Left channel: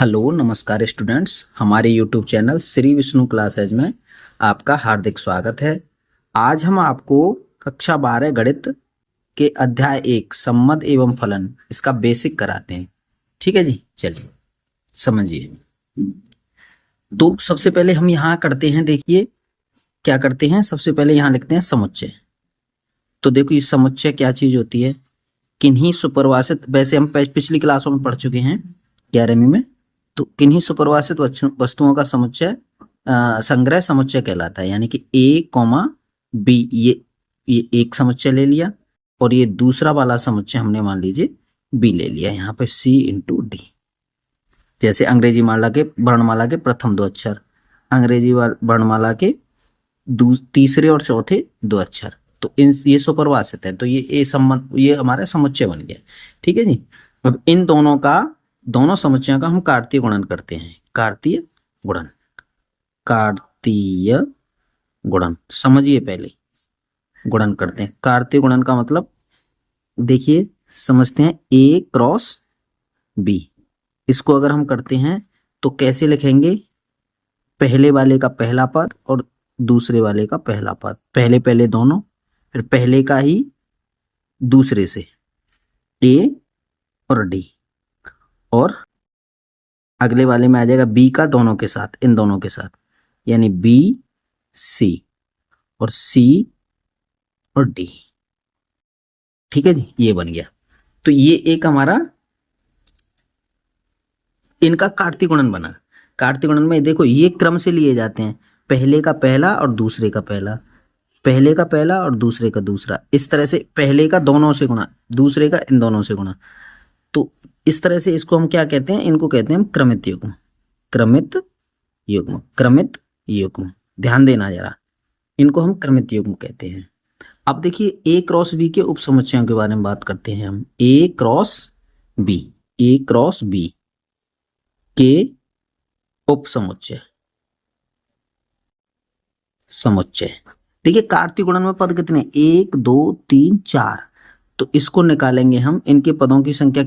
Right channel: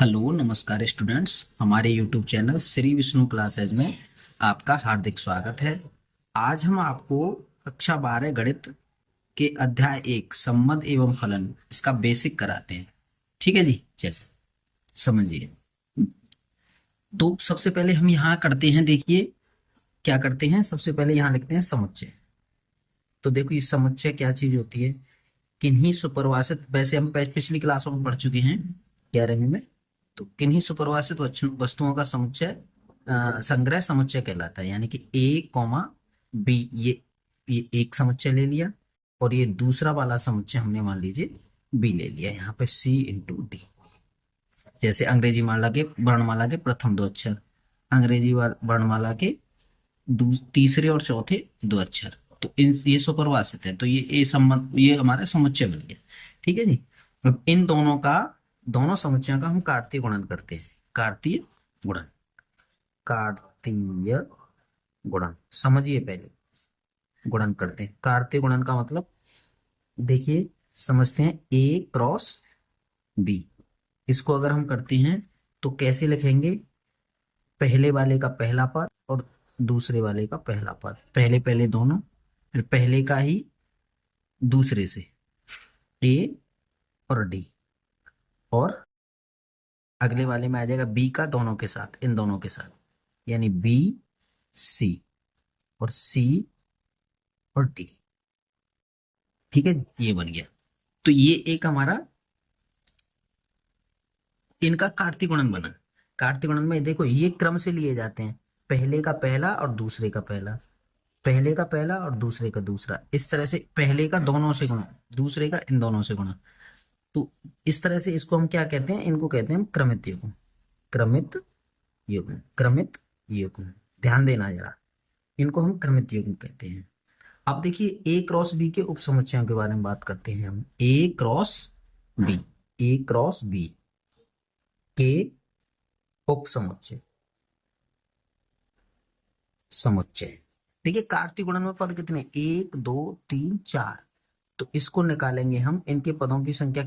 Hello नमस्कार students, हमारे YouTube channel Shri Vishnu classes में आपका हार्दिक स्वागत है। आज हम आपको कक्षा 12 गणित के अध्याय 1 सम्मद एवं फलन इसका बेसिक कराते हैं। ठीक है जी, चलिए समझिए। तो सबसे पहले हम यहाँ करते हैं, देखिए क्या करते हैं। सबसे पहले यहाँ लिखते हैं समुच्चय। तो देखो ये समुच्चय क्या चीज होती है। किन्हीं सुपरिभाषित, वैसे हम पिछली क्लासों में पढ़ चुके हैं 11वीं में। तो किन्हीं सुपरिभाषित वस्तुओं का समुच्चय संग्रह समुच्चय कहलाता है। यानी कि ए कॉमा बी, ये एक समुच्चय ले लिया और ये दूसरा वाला समुच्चय हमने मान लीजिए बी ले लिया। यहाँ पे सी इंटू डी। जैसे अंग्रेजी वर्णमाला के प्रथम दो अक्षर, अंग्रेजी वर्णमाला के तीसरे और चौथे दो अक्षर, तो ये सुपरिभाषित है। तो ये हमारा समुच्चय बन गया। ठीक है जी। अब इन दोनों समुच्चयों का हम कार्तीय गुणन करते हैं। कार्तीय गुणन समझिए। पहले गुणन करते हैं। कार्तीय गुणन का मतलब देखिए, समझते हैं। ए क्रॉस बी, इसको अगर हम करते हैं तो कैसे लिखेंगे। पहले वाले का पहला पद और दूसरे वाले का पहला पद, पहले दोनों, फिर पहले का ही दूसरे से ए और डी, और अगले वाले में आ जाएगा बी का दोनों के साथ, इन दोनों के साथ, यानी बी सी और सी और डी। ठीक है जी, ये बन गया। तो ये एक हमारा इनका कार्तीय गुणन बना। कार्तीय गुणन में देखो ये क्रम से लिए जाते हैं, पहले का पहला और दूसरे का पहला, पहले का पहला और दूसरे का दूसरा, इस तरह से पहले का दोनों से गुणा, दूसरे का इन दोनों से गुणा। तो इस तरह से इसको हम क्या कहते हैं, इनको कहते हैं हम क्रमित युग्म। क्रमित युग्म, क्रमित युग्म, ध्यान देना जरा, इनको हम क्रमित युग्म कहते हैं। अब देखिए ए क्रॉस बी के उपसमुच्चयों के बारे में बात करते हैं हम। ए cross B, A cross B के उपसमुच्चय, समुच्चय। देखिए कार्तीय गुणन में पद कितने, 1 2 3 4। तो इसको निकालेंगे हम, इनके पदों की संख्या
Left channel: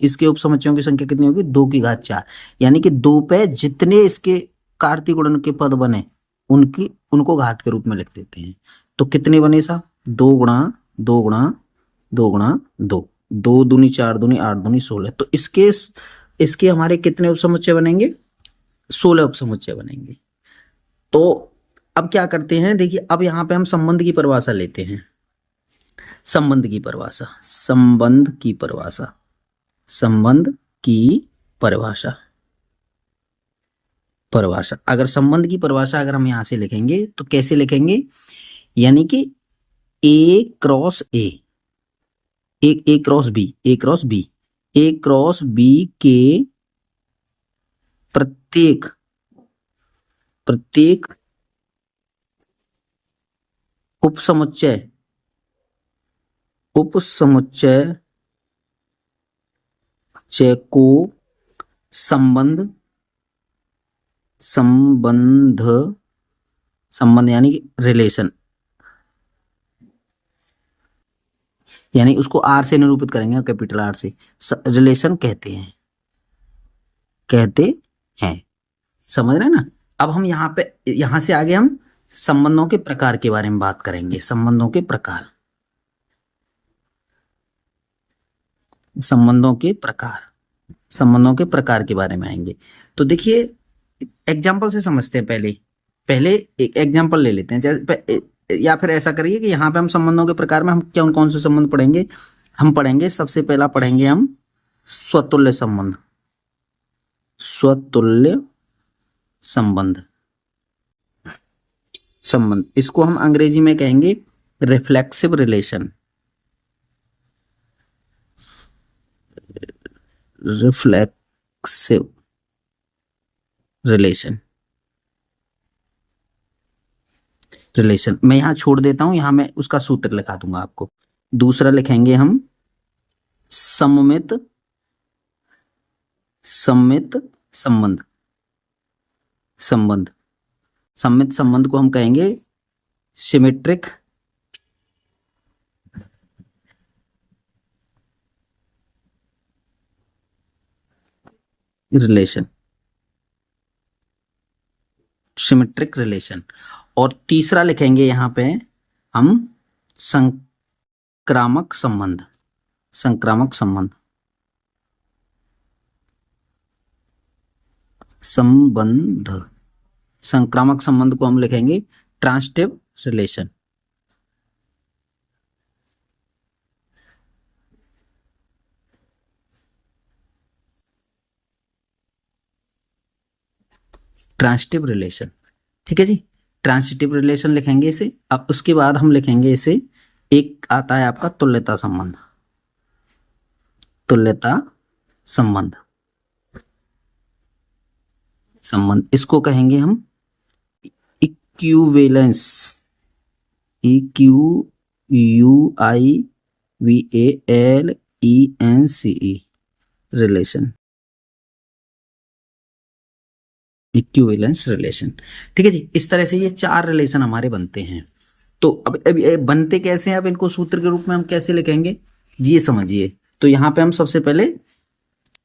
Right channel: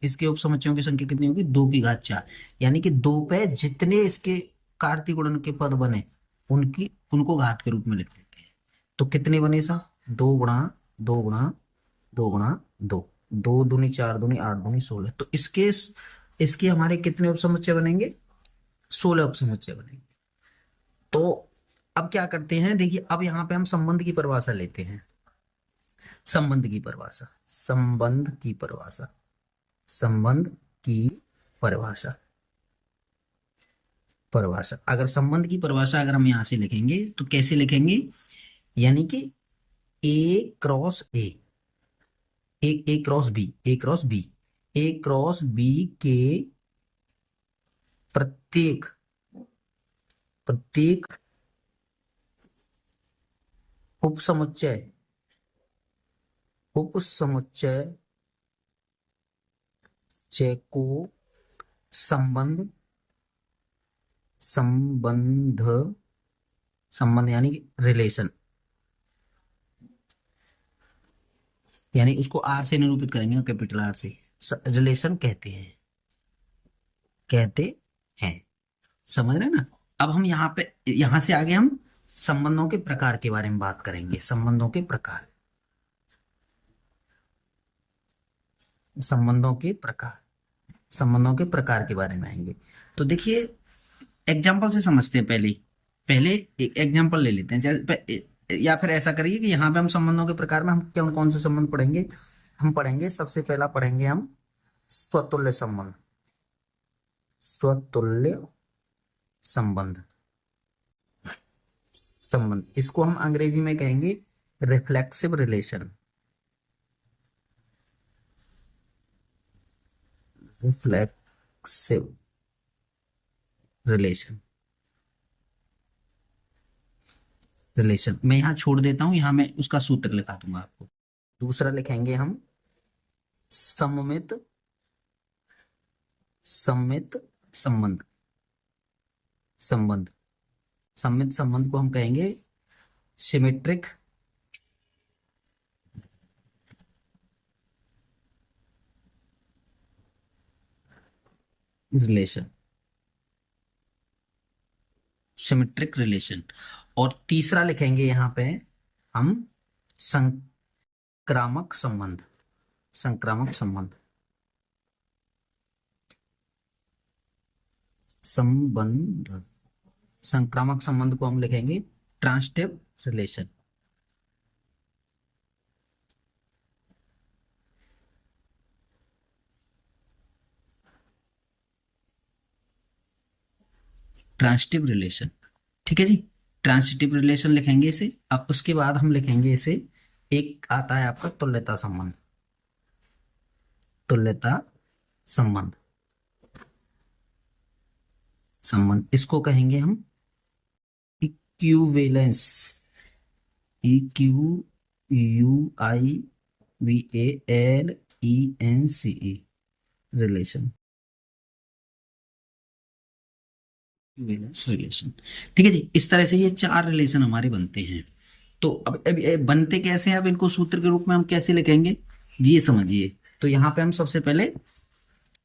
इसके उपसमुच्चयों की संख्या कितनी होगी, 2 की घात 4। यानी कि 2 पे जितने इसके कार्तीय गुणन के पद बने उनको घात के रूप में लिख देते हैं। तो कितने बने साहब, 2 गुणा 2 गुणा 2 गुणा 2, 2 दूनी 4 दूनी 8 दूनी 16। तो इसके हमारे कितने उपसमुच्चय बनेंगे, 16 उपसमुच्चय बनेंगे। तो अब क्या करते हैं, देखिए अब यहां पे हम संबंध की परिभाषा लेते हैं। संबंध की परिभाषा, संबंध की परिभाषा, संबंध की परिभाषा, परिभाषा। अगर संबंध की परिभाषा अगर हम यहां से लिखेंगे तो कैसे लिखेंगे, यानी कि A cross A, A cross B, A cross B, A cross B के प्रत्येक प्रत्येक उपसमुच्चय उपसमुच्चय को संबंध संबंध संबंध यानी कि रिलेशन, यानी उसको आर से निरूपित करेंगे, कैपिटल आर से, रिलेशन कहते हैं। समझ रहे हैं ना। अब हम यहां से आगे हम संबंधों के प्रकार के बारे में बात करेंगे। संबंधों के प्रकार, संबंधों के प्रकार के बारे में आएंगे। तो देखिए एग्जाम्पल से समझते हैं। पहले एक एग्जाम्पल ले लेते हैं। या फिर ऐसा करिए कि यहाँ पे हम संबंधों के प्रकार में हम कौन से संबंध पढ़ेंगे। हम पढ़ेंगे, सबसे पहला पढ़ेंगे हम स्वतुल्य संबंध। स्वतुल्य संबंध, इसको हम अंग्रेजी में कहेंगे रिफ्लेक्सिव रिलेशन। रिफ्लेक्सिव रिलेशन, मैं यहां छोड़ देता हूं, यहां मैं उसका सूत्र लिखा दूंगा आपको। दूसरा लिखेंगे हम सममित संबंध। सममित संबंध को हम कहेंगे सिमेट्रिक रिलेशन, सिमेट्रिक रिलेशन। और तीसरा लिखेंगे यहां पे हम संक्रामक संबंध, संक्रामक संबंध, संबंध, संक्रामक संबंध को हम लिखेंगे ट्रांसिटिव रिलेशन। ट्रांसिटिव रिलेशन, ठीक है जी, ट्रांसिटिव रिलेशन लिखेंगे इसे। अब उसके बाद हम लिखेंगे इसे, एक आता है आपका तुल्यता संबंध, तुल्यता संबंध, संबंध इसको कहेंगे हम equivalence, EQUIVALENCE relation, equivalence relation, ठीक है जी। इस तरह से ये चार रिलेशन हमारे बनते हैं। तो अब ये बनते कैसे हैं, अब इनको सूत्र के रूप में हम कैसे लिखेंगे ये समझिए। तो यहाँ पे हम सबसे पहले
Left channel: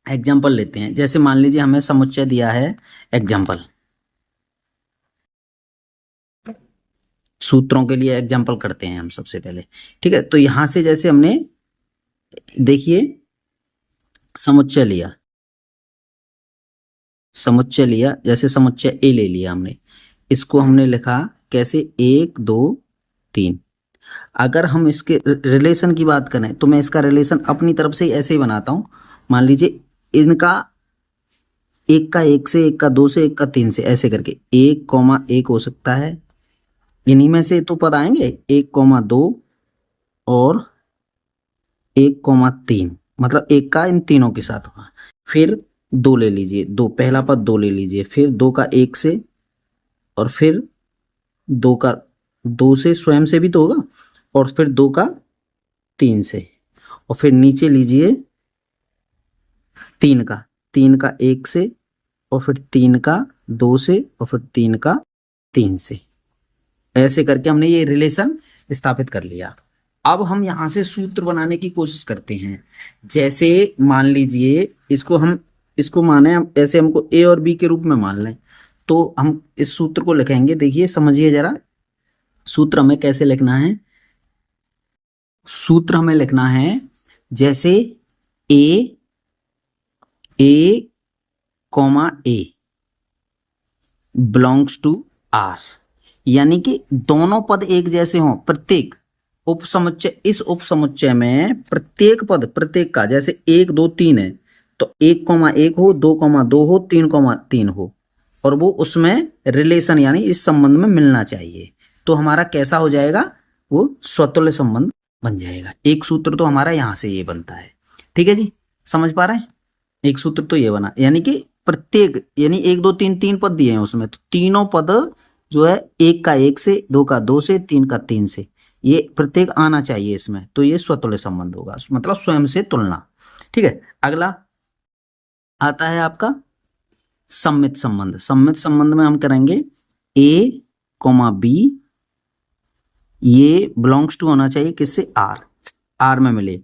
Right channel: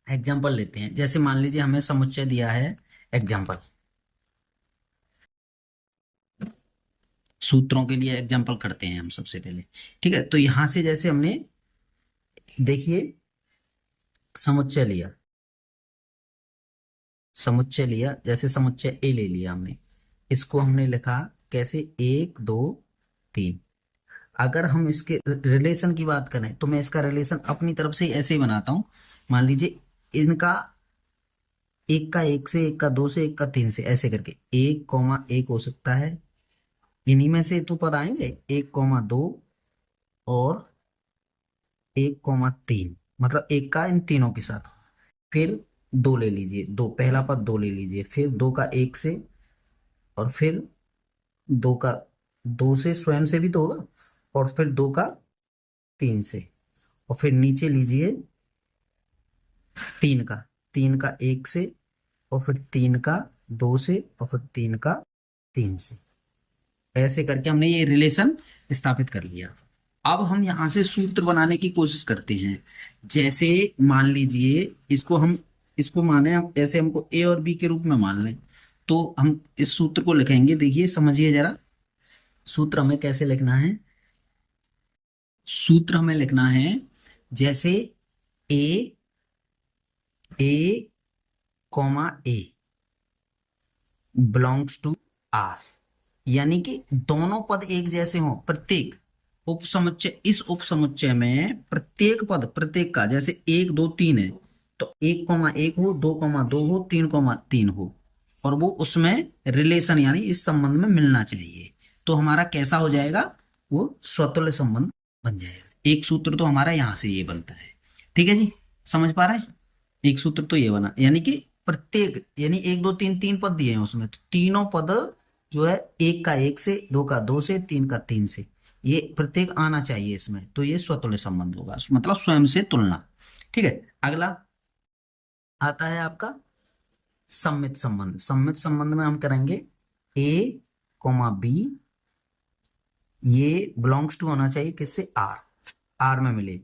एग्जाम्पल लेते हैं। जैसे मान लीजिए हमें समुच्चय दिया है, एग्जाम्पल, सूत्रों के लिए एग्जाम्पल करते हैं हम सबसे पहले, ठीक है। तो यहां से जैसे हमने देखिए समुच्चय लिया, समुच्चय लिया, जैसे समुच्चय ए ले लिया हमने, इसको हमने लिखा कैसे, 1 2 3। अगर हम इसके रिलेशन की बात करें तो मैं इसका रिलेशन अपनी तरफ से ऐसे ही बनाता हूं। मान लीजिए इनका एक का 1 से, एक का 2 से, एक का 3 से, ऐसे करके 1,1 हो सकता है। इन्हीं में से तो पद आएंगे, 1,2 और 1,3, मतलब एक का इन तीनों के साथ होगा। फिर 2 ले लीजिए, 2 पहला पद 2 ले लीजिए, फिर 2 का 1 से, और फिर 2 का 2 से, स्वयं से भी तो होगा, और फिर 2 का 3 से, और फिर नीचे लीजिए 3 का 1 से, और फिर 3 का 2 से, और फिर 3 का 3 से। ऐसे करके हमने ये रिलेशन स्थापित कर लिया। अब हम यहां से सूत्र बनाने की कोशिश करते हैं। जैसे मान लीजिए इसको माने ऐसे, हमको ए और बी के रूप में मान लें, तो हम इस सूत्र को लिखेंगे। देखिए समझिए जरा, सूत्र हमें कैसे लिखना है। सूत्र हमें लिखना है जैसे ए बिलोंग्स टू आर, यानी कि दोनों पद एक जैसे हों। प्रत्येक उपसमुच्चय, इस उपसमुच्चय में प्रत्येक पद, प्रत्येक का, जैसे 1 2 3 है तो 1,1 हो, 2,2 हो, 3,3 हो, और वो उसमें रिलेशन यानी इस संबंध में मिलना चाहिए। तो हमारा कैसा हो जाएगा, वो स्वतुल्य संबंध बन जाएगा। एक सूत्र तो हमारा यहां से ये बनता है, ठीक है जी, समझ पा रहे हैं। एक सूत्र तो ये बना, यानी कि प्रत्येक, यानी 1 2 3 3 पद दिए हैं उसमें, तो तीनों पद जो है 1 का 1 से, 2 का 2 से, 3 का 3 से, ये प्रत्येक आना चाहिए इसमें, तो ये स्वतुल्य संबंध होगा, मतलब स्वयं से तुलना, ठीक है। अगला आता है आपका सम्मित संबंध। सम्मित संबंध में हम करेंगे ए कॉमा बी, ये बिलोंग्स टू होना चाहिए किससे, आर, आर में मिले।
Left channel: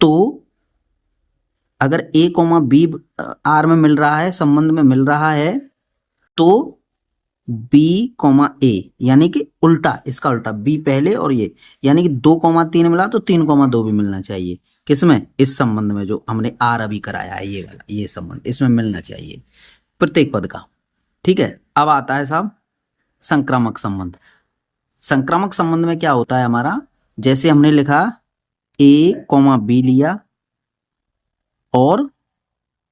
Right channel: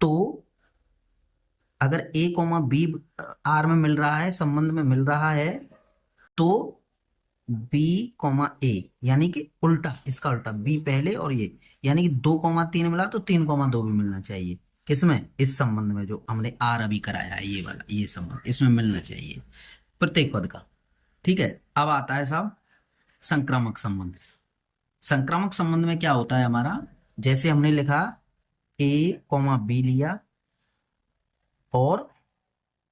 तो अगर ए कॉमा बी आर में मिल रहा है, संबंध में मिल रहा है, तो बी कॉमा ए, यानी कि उल्टा, इसका उल्टा, बी पहले और ये, यानी कि 2,3 मिला तो 3,2 भी मिलना चाहिए। किसमें, इस संबंध में जो हमने आर अभी कराया है, ये वाला, ये संबंध इसमें मिलना चाहिए प्रत्येक पद का, ठीक है। अब आता है साहब संक्रामक संबंध। संक्रामक संबंध में क्या होता है हमारा, जैसे हमने लिखा ए कॉमा बी लिया, और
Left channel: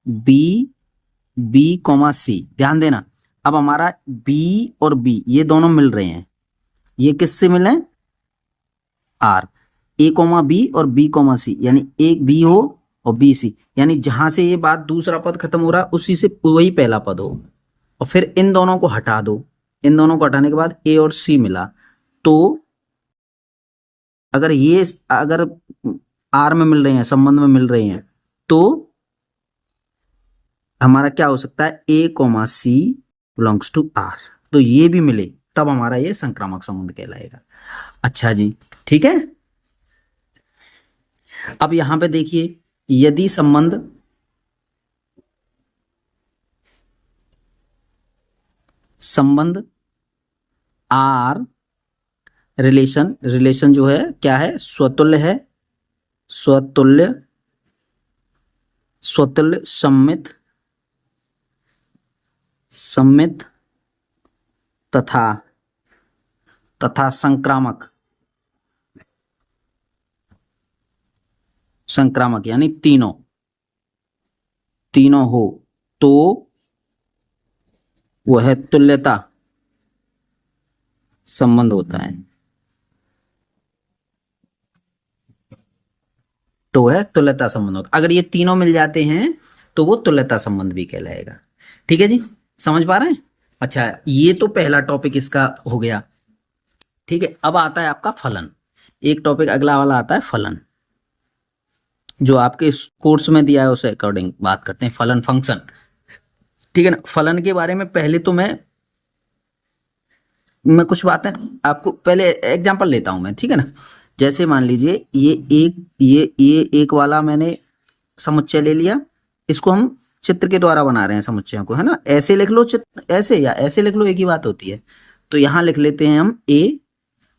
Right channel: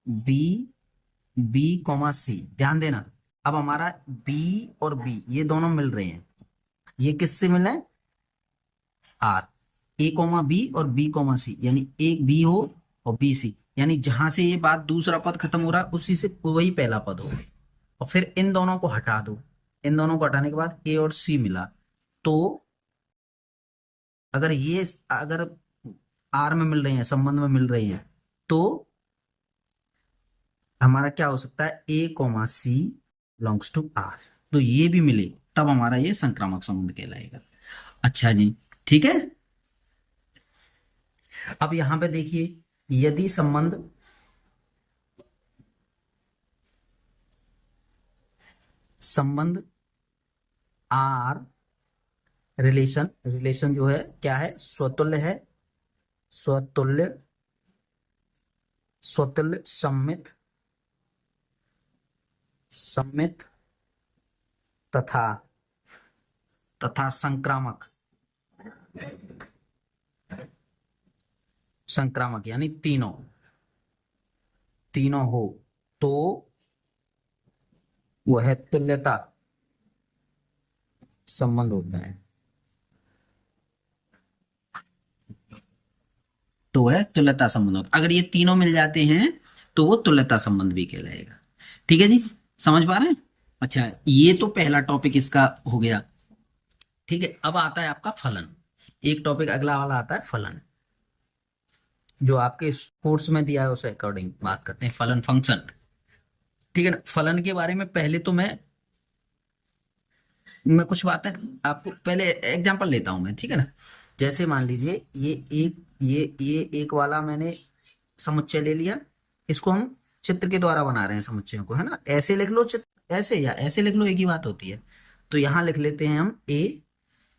बी कॉमा सी, ध्यान देना। अब हमारा बी और बी ये दोनों मिल रहे हैं, ये किससे मिले, आर, ए कॉमा बी और बी कॉमा सी, यानी एक बी हो और बी सी, यानी जहां से ये बात दूसरा पद खत्म हो रहा है उसी से वही पहला पद हो, और फिर इन दोनों को हटा दो। इन दोनों को हटाने के बाद ए और सी मिला, तो अगर आर में मिल रहे हैं, संबंध में मिल रहे हैं, तो हमारा क्या हो सकता है, A comma C belongs to R, तो ये भी मिले, तब हमारा ये संक्रामक संबंध कहलाएगा। अच्छा जी, ठीक है। अब यहां पे देखिए, यदि संबंध संबंध आर, रिलेशन जो है क्या है, स्वतुल्य है, स्वतुल्य, स्वतुल्य, सम्मित, सम्मित तथा तथा संक्रामक, संक्रामक यानी तीनों, तीनों हो तो वह तुल्यता संबंध होता है, तो वह तुल्यता संबंध होता है। अगर ये तीनों मिल जाते हैं तो वो तुल्यता संबंध भी कहलाएगा। ठीक है जी, समझ पा रहे हैं? अच्छा, ये तो पहला टॉपिक इसका हो गया। ठीक है, अब आता है आपका फलन। एक टॉपिक अगला वाला आता है फलन, जो आपके इस कोर्स में दिया है उसे अकॉर्डिंग बात करते हैं, फलन फंक्शन। ठीक है ना, फलन के बारे में पहले तो मैं कुछ बातें आपको पहले एग्जांपल लेता हूं मैं, ठीक है ना। जैसे मान लीजिए ये एक वाला मैंने समुच्चय ले लिया, इसको हम चित्र के द्वारा बना रहे हैं समुच्चयों को, है ना। ऐसे लिख लो चित्र, ऐसे या ऐसे लिख लो, एक ही बात होती है। तो यहां लिख लेते हैं हम ए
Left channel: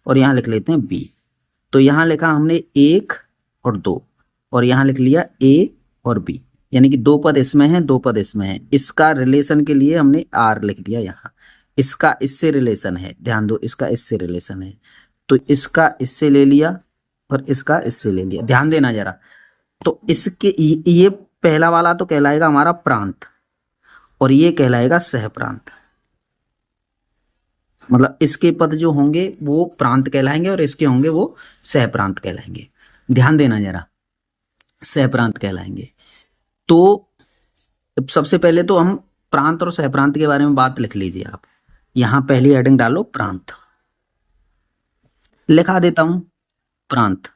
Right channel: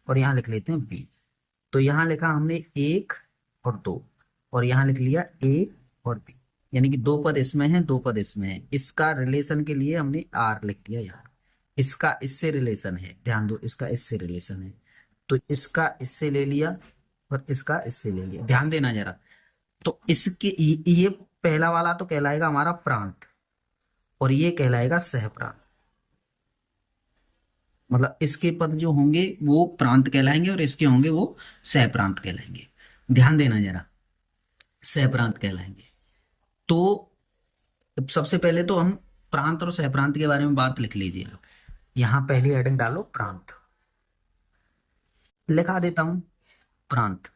और यहां लिख लेते हैं बी। तो यहां लिखा हमने 1 और 2 और यहां लिख लिया ए और बी, यानी कि 2 पद इसमें हैं, 2 पद इसमें हैं। इसका रिलेशन के लिए हमने आर लिख दिया यहाँ, इसका इससे रिलेशन है, ध्यान दो, इसका इससे रिलेशन है, तो इसका इससे ले लिया और इसका इससे ले लिया, ध्यान देना जरा। तो इसके ये पहला वाला तो कहलाएगा हमारा प्रांत और ये कहलाएगा सहप्रांत। मतलब इसके पद जो होंगे वो प्रांत कहलाएंगे और इसके होंगे वो सहप्रांत कहलाएंगे। ध्यान देना जरा, सहप्रांत कहलाएंगे। तो सबसे पहले तो हम प्रांत और सहप्रांत के बारे में बात लिख लीजिए आप। यहां पहली हेडिंग डालो प्रांत, लिखा देता हूं प्रांत।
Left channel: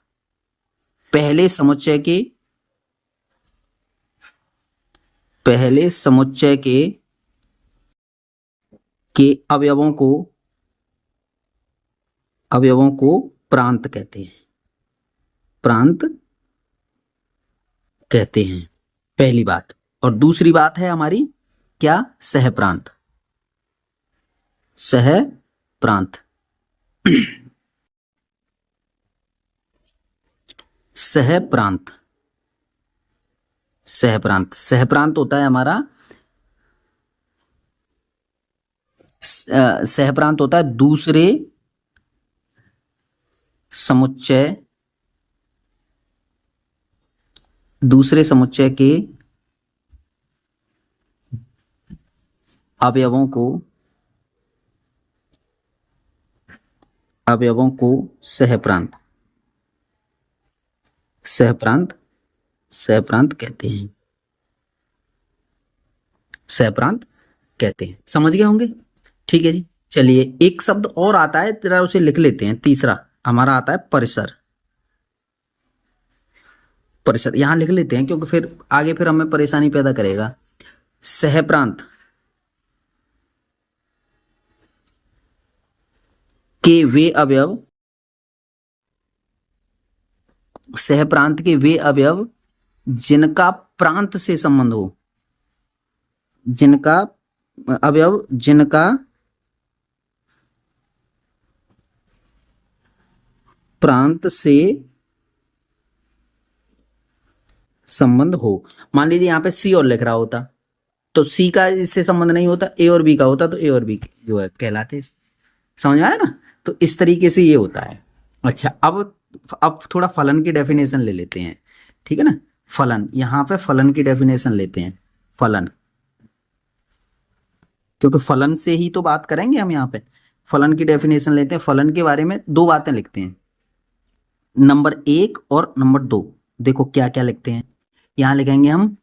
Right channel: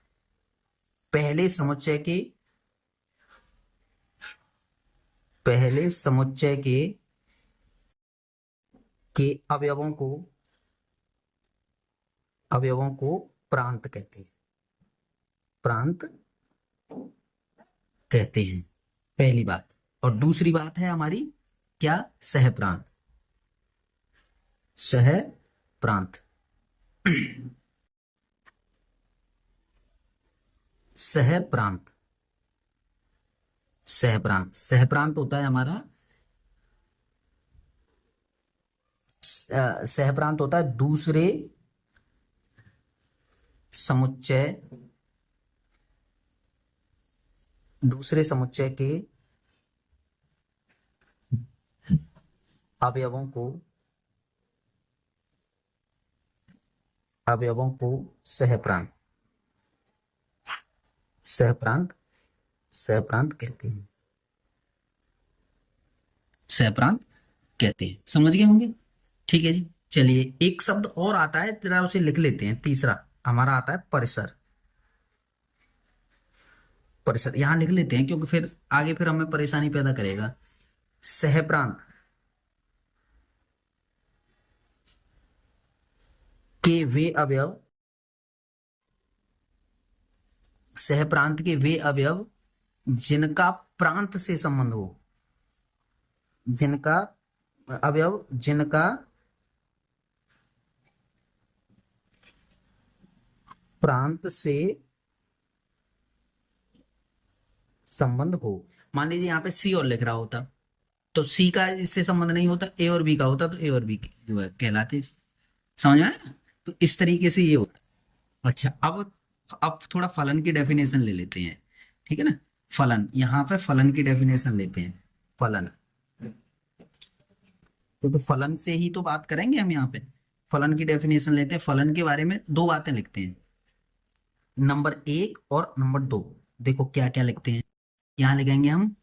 पहले समुच्चय के अवयवों को प्रांत कहते हैं, प्रांत कहते हैं, पहली बात। और दूसरी बात है हमारी क्या, सहप्रांत, सहप्रांत। सहप्रांत, सहप्रांत, सहप्रांत होता है हमारा, सहप्रांत होता है दूसरे समुच्चय के अवयवों को सहप्रांत कहते हैं, सहप्रांत कहते हैं। समझ गए होंगे? ठीक है जी, चलिए एक शब्द और आता है, तेरा उसे लिख लेते हैं। तीसरा हमारा आता है परिसर। परिसर यहां लिख लेते हैं क्योंकि फिर आगे फिर हमें परेशानी पैदा करेगा। सहप्रांत के वे अवयव, सहप्रांत के वे अवयव जिनका प्रांत से संबंध हो, जिनका अवयव जिनका प्रांत से संबंध हो। मान लीजिए यहाँ पे सी और लिख रहा होता तो सी का इससे संबंध नहीं होता, ए और बी का होता तो ए और बी जो है कहलाते। समझ आया ना? तो इस तरीके से ये होता है। अच्छा, अब थोड़ा फलन की डेफिनेशन ले लेते हैं, ठीक है ना। फलन, यहाँ पे फलन की डेफिनेशन लेते हैं, फलन, क्योंकि फलन से ही तो बात करेंगे हम। यहाँ पे फलन की डेफिनेशन लेते हैं। फलन के बारे में 2 बातें लिखते हैं, नंबर 1 और नंबर 2। देखो क्या क्या लिखते हैं, यहां लिखेंगे हम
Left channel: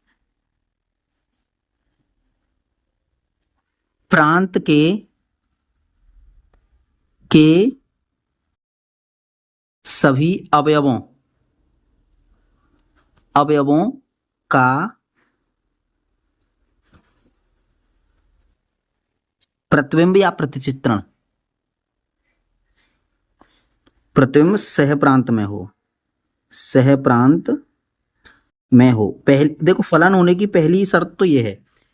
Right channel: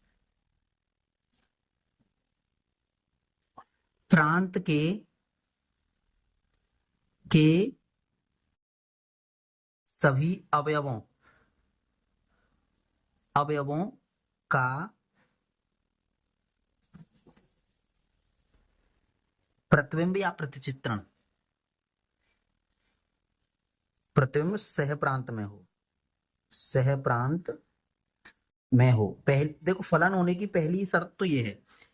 प्रांत के सभी अवयवों का प्रतिबिंब या प्रतिचित्रण, प्रतिबिंब सहप्रांत में हो, सहप्रांत में हो। देखो फलन होने की पहली शर्त तो ये है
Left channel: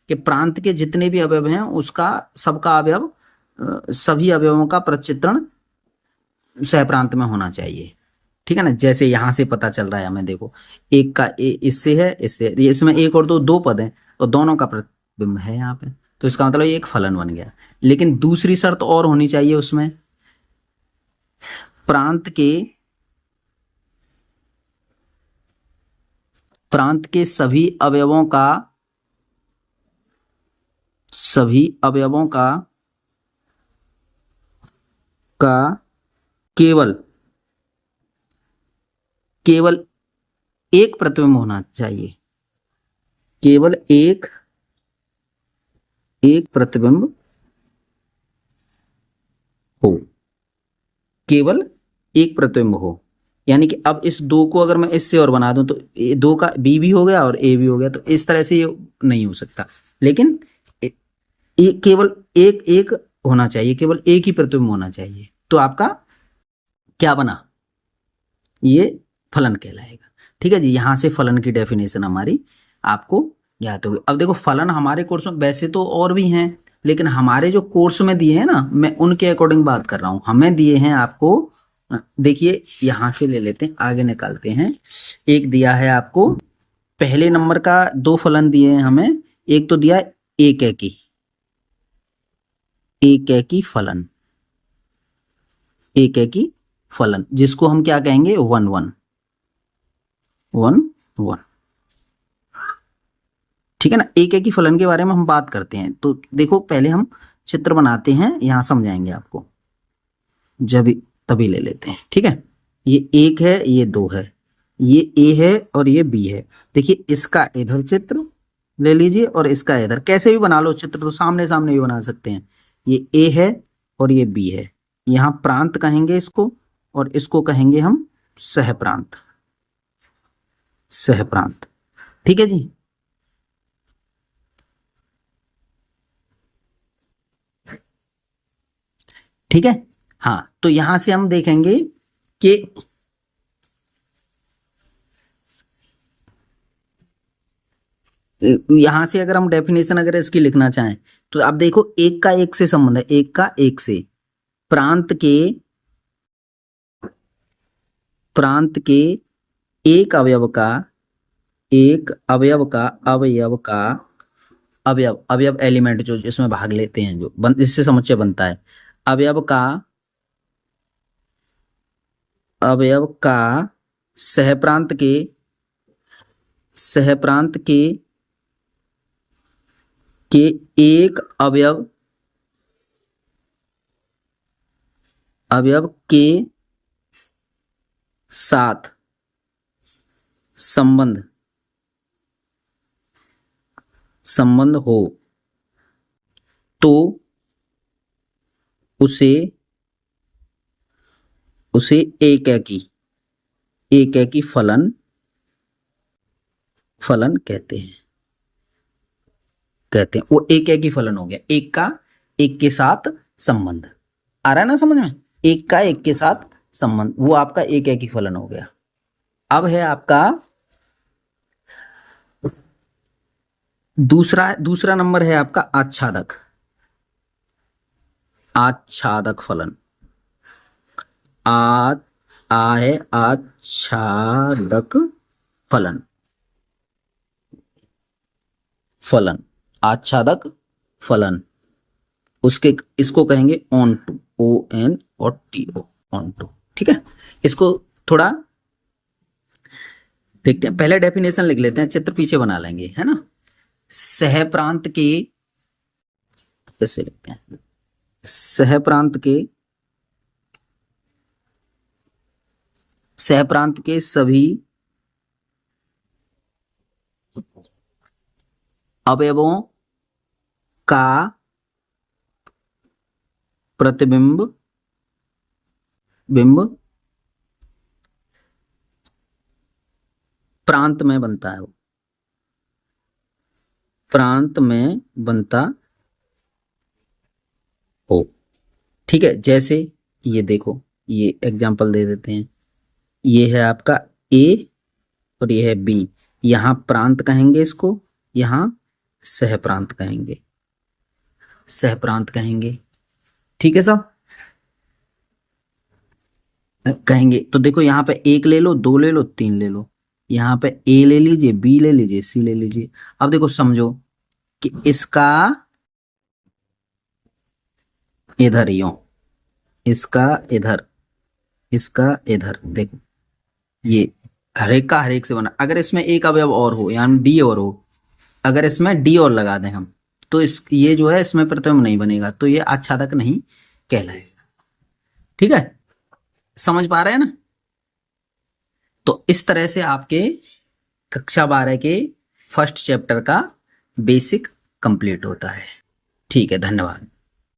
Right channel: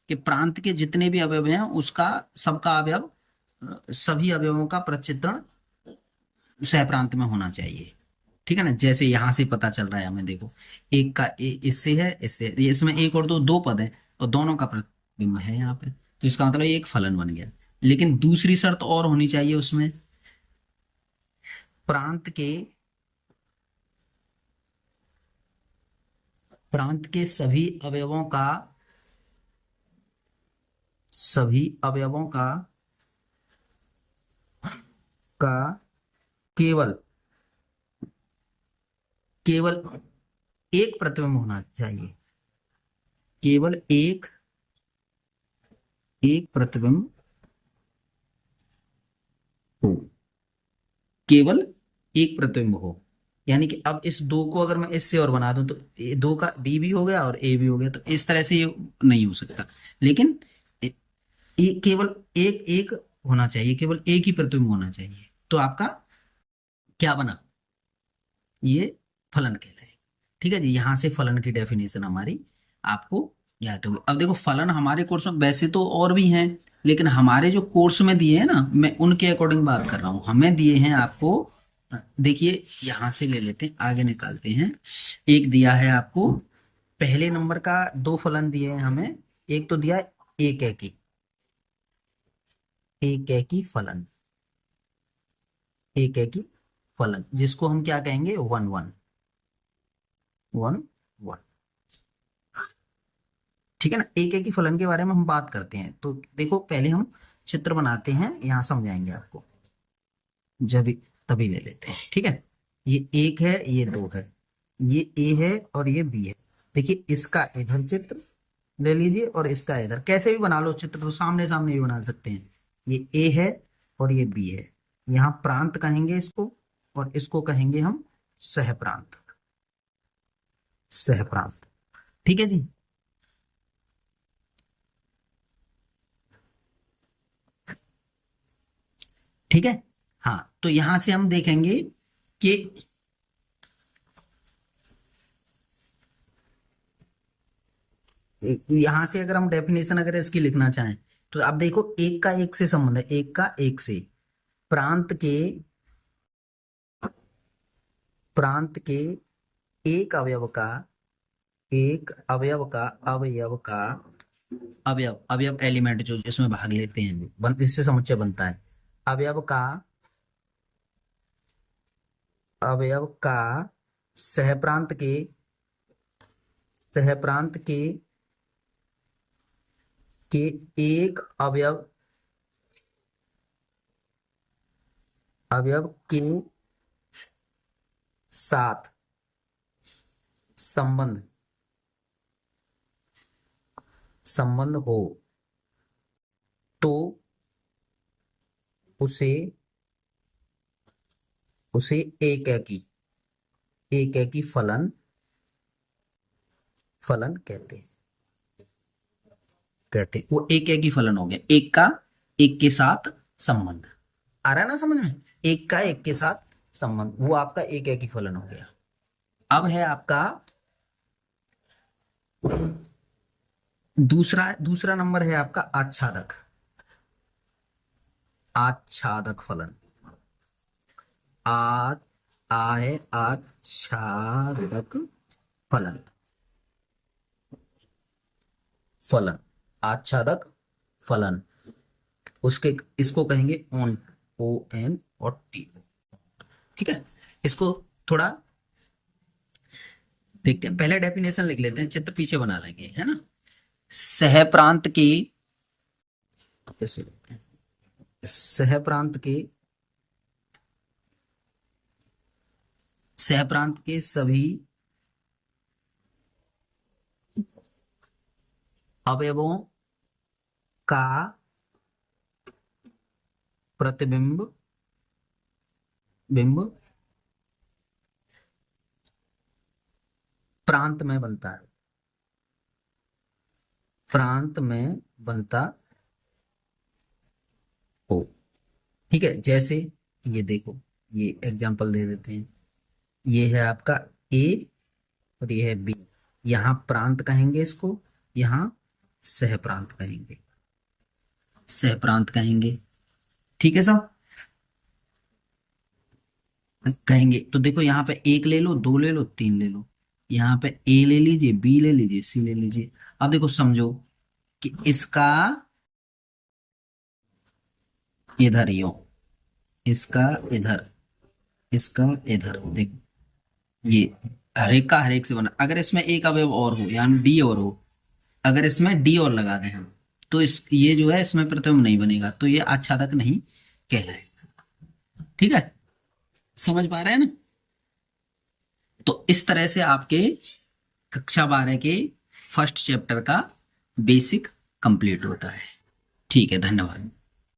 कि प्रांत के जितने भी अवयव हैं उसका सबका अवयव सभी अवयवों का प्रचित्रण सहप्रांत में होना चाहिए। ठीक है ना, जैसे यहां से पता चल रहा है हमें, देखो एक का इससे है, इससे ये, इसमें एक और दो दो पद हैं और दोनों का प्रतिबिंब है यहाँ पे, तो इसका मतलब ये एक फलन बन गया। लेकिन दूसरी शर्त और होनी चाहिए उसमें, प्रांत के सभी अवयवों का केवल एक प्रतिबिंब होना चाहिए, केवल एक प्रतिबिंब हो, केवल एक प्रतिबिंब हो। यानी कि अब इस दो को अगर मैं इससे और बना दूं तो दो का बी भी हो गया और ए भी हो गया, तो इस तरह से ये नहीं हो सकता। लेकिन केवल एक एक होना चाहिए, केवल एक ही प्रतिबिंब होना चाहिए, तो आपका क्या बना, ये फलन कहलाएगा। ठीक है जी, यहां से फलन की डेफिनेशन हमारी आपको याद होगी। अब देखो फलन हमारे कोर्स में वैसे तो और भी हैं, लेकिन हमारे जो कोर्स में दिए हैं ना, मैं उनके अकॉर्डिंग बात कर रहा हूं। हमें दिए हैं आपको, देखिए यहां से ले लेते हैं, आगे निकालते हैं। एक दिया है आपको, पहले नंबर का दो फलन दिए हैं हमें। एक तो दिया एक एकी फलन, एक एकी फलन, जिसको हम क्या कहेंगे, वन वन वन वन। ठीक है ना, एक एक ही फलन के बारे में हम बात करते हैं। तो देखो पहले हम चित्र बनाते हैं, यहां समझाएंगे आपको, जब तभी ले लेते हैं। ठीक है, ये एक है, ये दो है, ये ए है और ये बी है। देखिए इसका इधर चित्र ले लीजिए और इसका इधर, कैसे भी बना लो चित्र, तो सामने सामने भी बना सकते हैं। ये ए है और ये बी है, यहाँ प्रांत कहेंगे इसको, और इसको कहेंगे हम सहप्रांत, सहप्रांत। ठीक है जी, ठीक है। हाँ, तो यहां से हम देखेंगे कि यहां से अगर हम डेफिनेशन अगर इसकी लिखना चाहें, तो आप देखो एक का एक से संबंध है, एक का एक से, प्रांत के एक अवयव का, एक अवयव एलिमेंट जो इसमें भाग लेते हैं, जो इससे समुच्चय बनता है, अवयव का अवयव का सहप्रांत के एक अवयव के साथ संबंध हो तो उसे एकेकी फलन कहते हैं। वो एकेकी फलन हो गया, एक का एक के साथ संबंध। आ रहा है ना समझ में, एक का एक के साथ संबंध, वो आपका एकेकी फलन हो गया। अब है आपका दूसरा नंबर है आपका आच्छादक फलन। है आच्छादक आच्छादक फलन, उसके इसको कहेंगे ऑन टू, ON और TO, ऑन टू। ठीक है, इसको थोड़ा देखते हैं, पहले डेफिनेशन लिख लेते हैं, चित्र पीछे बना लेंगे, है ना। सहप्रांत के, कैसे लिखते हैं, सहप्रांत के सभी अवयवों का प्रतिबिंब प्रांत में बनता है, प्रांत में बनता हो। ठीक है, जैसे ये देखो, ये एग्जांपल दे देते हैं, ये है आपका A और ये है B, यहां प्रांत कहेंगे इसको, यहां सहप्रांत कहेंगे, ठीक है सब। कहेंगे तो देखो यहाँ पे एक ले लो, दो ले लो, तीन ले लो, यहाँ पे ए ले लीजिए, बी ले लीजिए, सी ले लीजिए। अब देखो समझो कि इसका इधर यूं, इसका इधर, इसका इधर, देखो ये हर एक से बना। अगर इसमें एक अवयव और हो यानी डी और हो, अगर इसमें डी और लगा दें हम, तो इस ये जो है इसमें प्रतिबिंब नहीं बनेगा, तो ये आच्छादक नहीं कहलाएगा। ठीक है, समझ पा रहे हैं ना। तो इस तरह से आपके कक्षा 12 के फर्स्ट चैप्टर का बेसिक कंप्लीट होता है। ठीक है, धन्यवाद।